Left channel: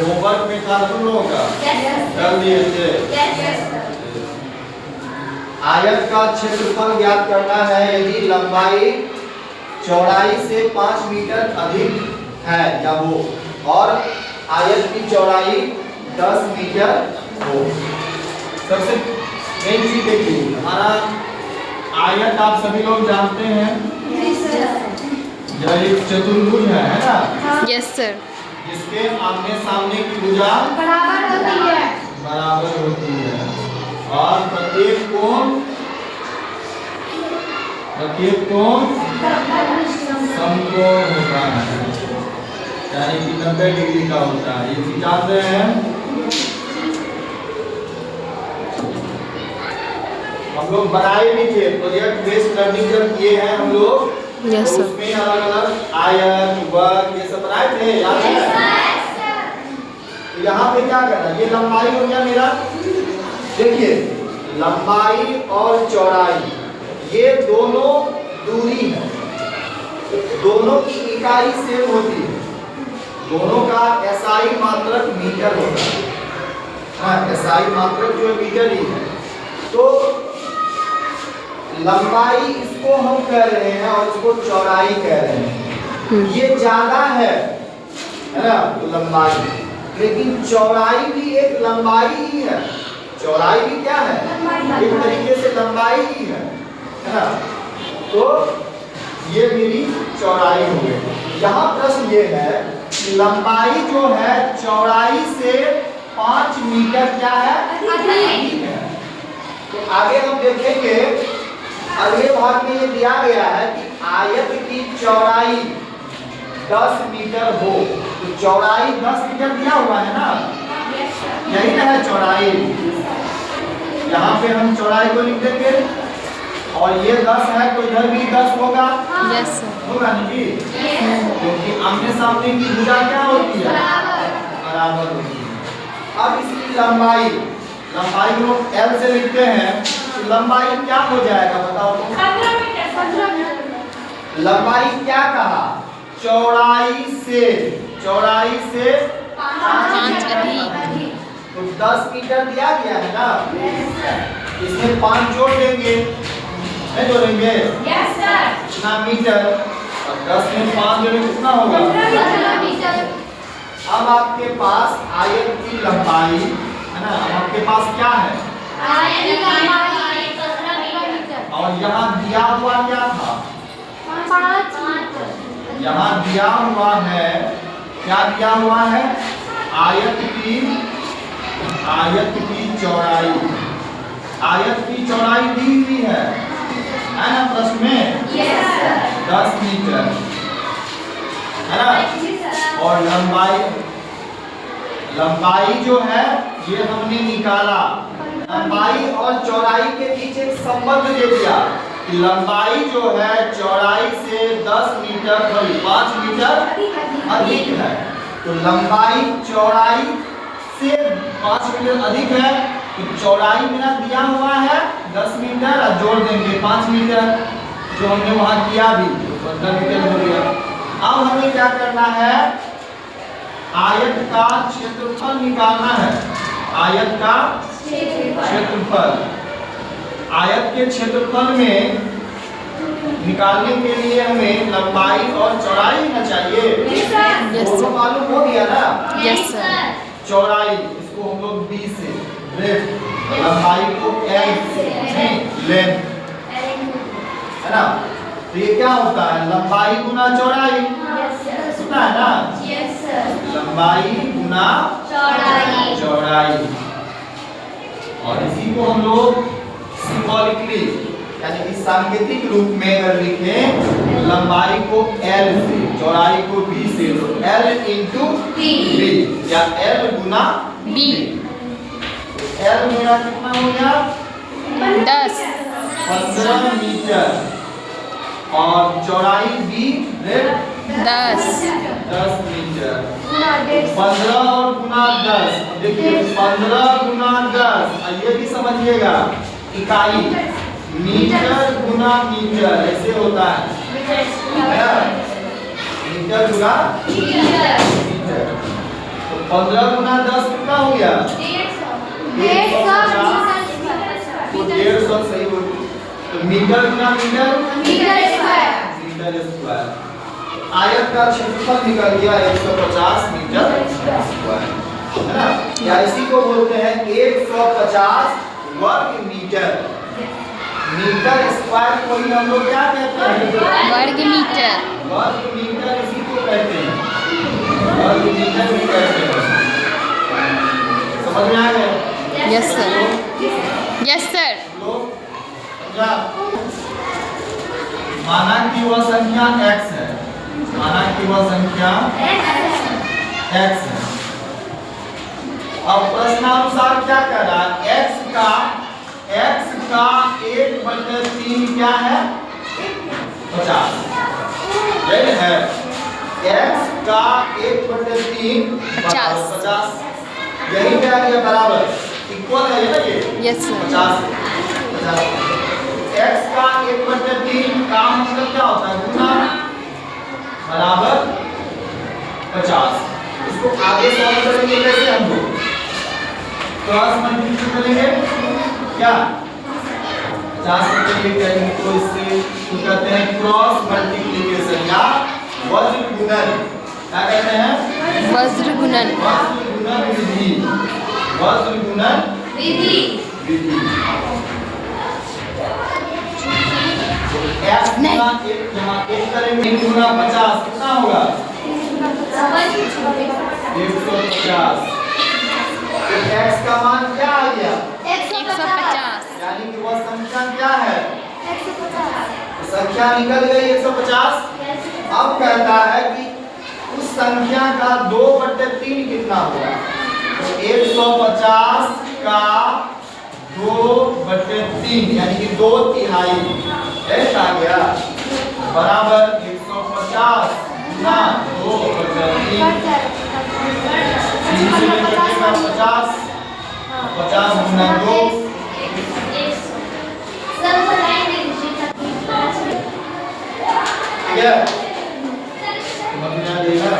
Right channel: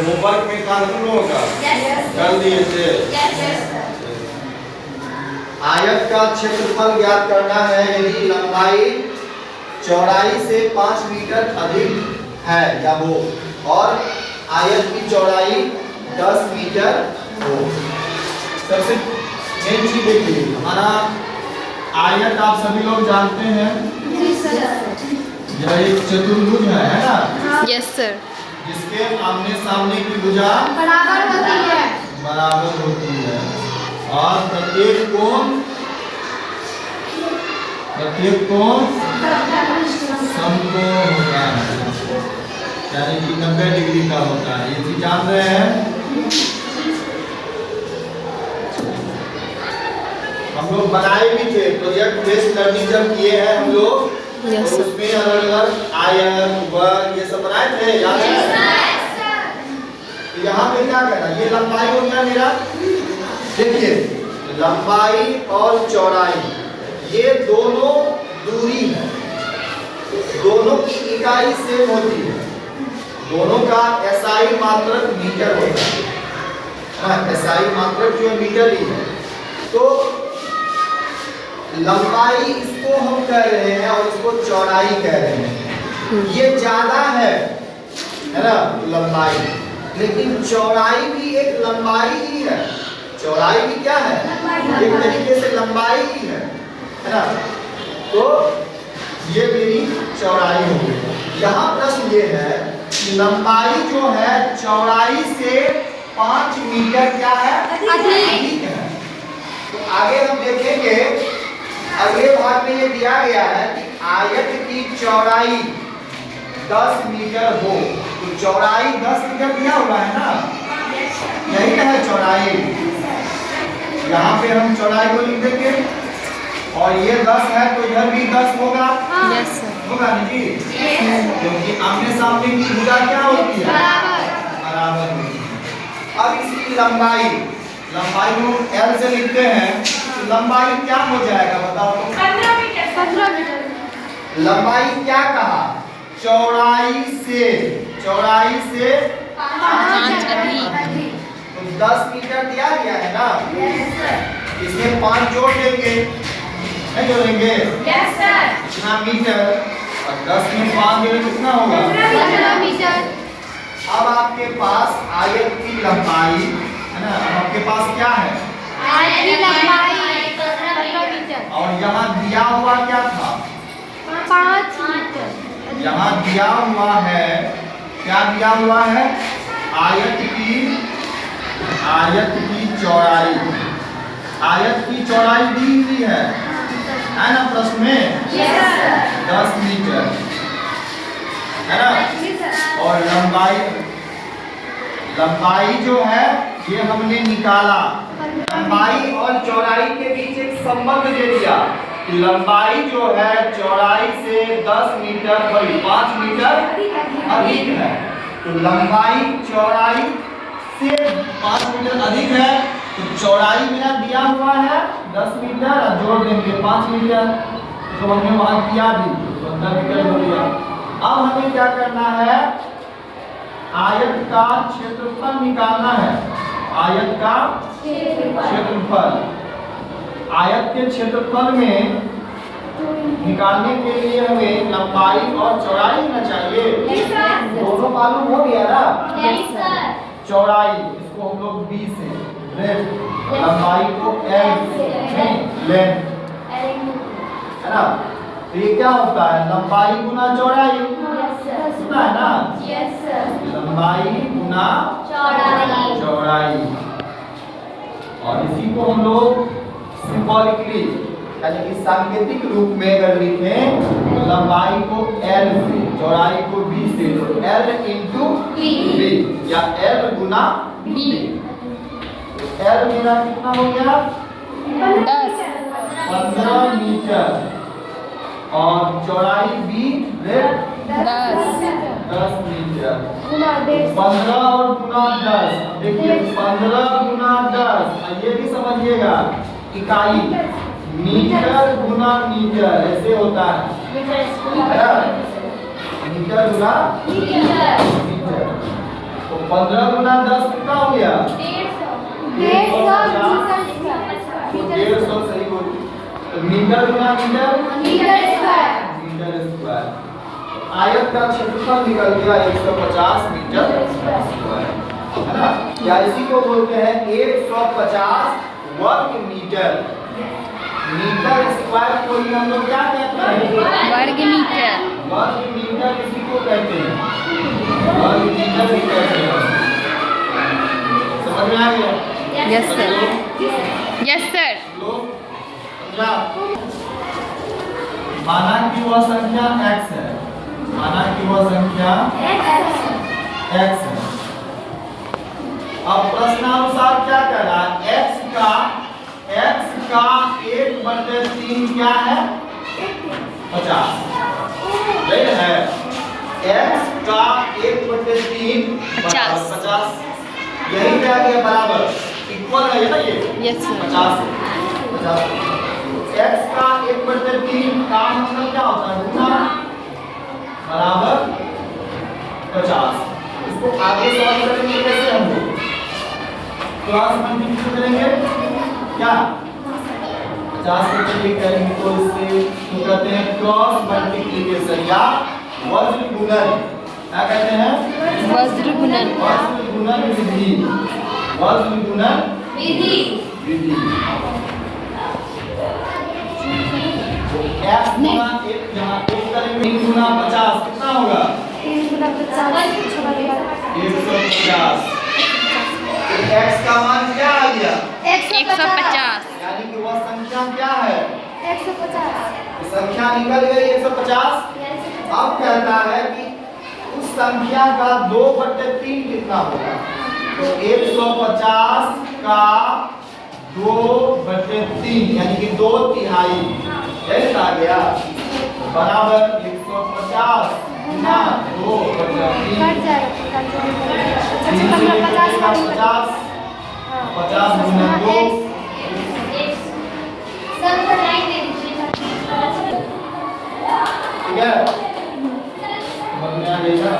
Homework में था तुम लोगों का कर दिए थे। आयत का क्षेत्रफल ज्ञात करना है यदि लंबाई चौड़ाई से 5 मीटर अधिक है या हो और आयत की चौड़ाई 10 मीटर हो। सबसे मेन चीज देखिए, हमारा आयत आप सभी लोग जानते हैं, यह एक चतुर्भुज है ना? Yes sir. जिसके आमने सामने की भुजा बराबर होती है और प्रत्येक कोण समकोण होता है, यानी कि 90 डिग्री का होता है। ये चीज जान रहे हैं? हम लोग बनाए भी थे, प्रोजेक्ट बेस्ड लर्निंग जब किए हैं हम लोग, तो उसमें अलग अलग आयत वर्ग ये सब बनाए थे, याद है? तो यहाँ पे क्या करना है, ये लंबाई हो गया मेरा। देखिए लंबाई और चौड़ाई ये दोनों दूरी है, दोनों की इकाई सेम होती है, दोनों का एसआई मात्रक मीटर होता है। हाँ, एसआई मात्रक जो है मीटर ही है। तो लंबाई इसको हम कह रहे हैं और इसको चौड़ाई कह रहे हैं। ये ज्यादा है ना तो लंबाई, लेकिन चौड़ाई भी एक लंबाई ही है। चौड़ाई भी क्या है? एक तरीके से लंबाई ही है ना? तो ये मेरी चौड़ाई हो गई। यहाँ प्रश्न ये है कि लंबाई जो है चौड़ाई से 5 मीटर क्या है? अधिक है। तो आगे हम देखेंगे, अगले भाग में ये दिया गया है कि आयत की चौड़ाई 10 मीटर हो, तो चौड़ाई 10 मीटर दिया हुआ है ना? यही ना है चौड़ाई। यहाँ पे हम चौड़ाई को लिख देंगे और ये 10 है तो इधर भी 10 होगा। Yes sir. होगा ना जी? क्योंकि आमने सामने की भुजा क्या होती है? बराबर होती है। अब इसकी लंबाई को L से लिखते हैं, तो लंबाई क्या हो जाएगा बताओ? 15 मीटर। लंबाई क्या कहा? चौड़ाई से 5 अधिक। तो 10 मीटर दिया गया है ना? इसमें 5 जोड़ देंगे, नहीं जोड़ेंगे? इतना मीटर और 10 में 5 जोड़े कितना होगा? 15 मीटर। अब आपके पास आयत की लंबाई है ना? आपके पास क्या है? और यहाँ दिया हुआ क्या था? 5। यहाँ दिया हुआ है, क्या दिया हुआ है? आयत की चौड़ाई। आयत की चौड़ाई दी हुई है ना प्रश्न में? 10 मीटर है ना? और लंबाई जो है ये हमने निकाला। लंबाई और चौड़ाई के बीच एक संबंध दे दिया कि लंबाई जो है चौड़ाई से 10 मीटर 5 मीटर अधिक है। तो लंबाई चौड़ाई से 5 मीटर अधिक है, तो चौड़ाई मेरा दिया हुआ है 10 मीटर और जोड़ देंगे 5 मीटर, जो हमने वहां किया भी, तो 15 मीटर हो गया। अब हमें क्या करना है? आयत का क्षेत्रफल निकालना है। आयत का क्षेत्रफल, आयत के क्षेत्रफल में निकालने के लिए हमें लंबाई और चौड़ाई होना चाहिए। दोनों मालूम हो गया ना? Yes sir. चौड़ाई इसको हम लोग B से, लंबाई को L से, लेंथ है ना? तो ये क्या होता है? लंबाई गुना चौड़ाई, सुना है ना? लंबाई गुना चौड़ाई। और इसी को हम लोग सिंबॉलिकली यानी कि सांकेतिक रूप में अगर लिखें, लंबाई को L से चौड़ाई को B से, तो L इंटू B या L गुना B। तो L मेरा कितना हो गया? 15 मीटर और चौड़ाई B 10 मीटर। 15 और गुना 10, देखिए 15 गुना 10, ये भी समझिएगा इकाई मीटर गुना मीटर ऐसे होता है। मीटर गुना मीटर। तो 15 गुना 10 कितना हो गया? 150 सही बोल। तो मीटर गुना मीटर मीटर स्क्वायर। आयत का क्षेत्रफल निकल गया 150 मीटर स्क्वायर, है ना? या इसी को बोलते हैं 150 वर्ग मीटर। मीटर स्क्वायर को ही हम लोग क्या कहते हैं? वर्ग मीटर। वर्ग मीटर इसी को कहते हैं, वर्ग मीटर भी कहते हैं। समझ में आ गया? Yes sir. Yes sir. लोग समझा? माना कि वह संख्या x है, माना कि वह संख्या x है। अब प्रश्नानुसार क्या कह रहा है? x का 1/3 क्या है? 50। यही है x का 1/3 50। 50। यही क्या गया? बराबर इक्वल है ना ये? Yes sir. 50। x का 1/3 का मतलब क्या होता है? गुना बराबर 50। इसको आगे सॉल्व करेंगे कैसे हम लोग? क्रॉस मल्टीप्लिकेशन करेंगे क्या? 50 के लिए करेंगे तो इससे तो कहते हैं क्रॉस मल्टीप्लिकेशन या वज्र गुणन। क्या कहते हैं? वज्र गुणन। वज्र गुणन विधि। वज्र गुणन विधि। x गुना 1 जहाँ 1 करेंगे 1 गुना 50 कितना होगा? 150। x का मान क्या आ गया? 150। यानी कि वह संख्या क्या है? 150। संख्या निकल गई 150। अब कहता है कि उस संख्या का 2/3 कितना होगा? तो 150 का 2/3 यानी कि 2/3 ऐसा आ गया बराबर 150 गुना 2/3। 50 गुना 2 समझ में आ गई ना?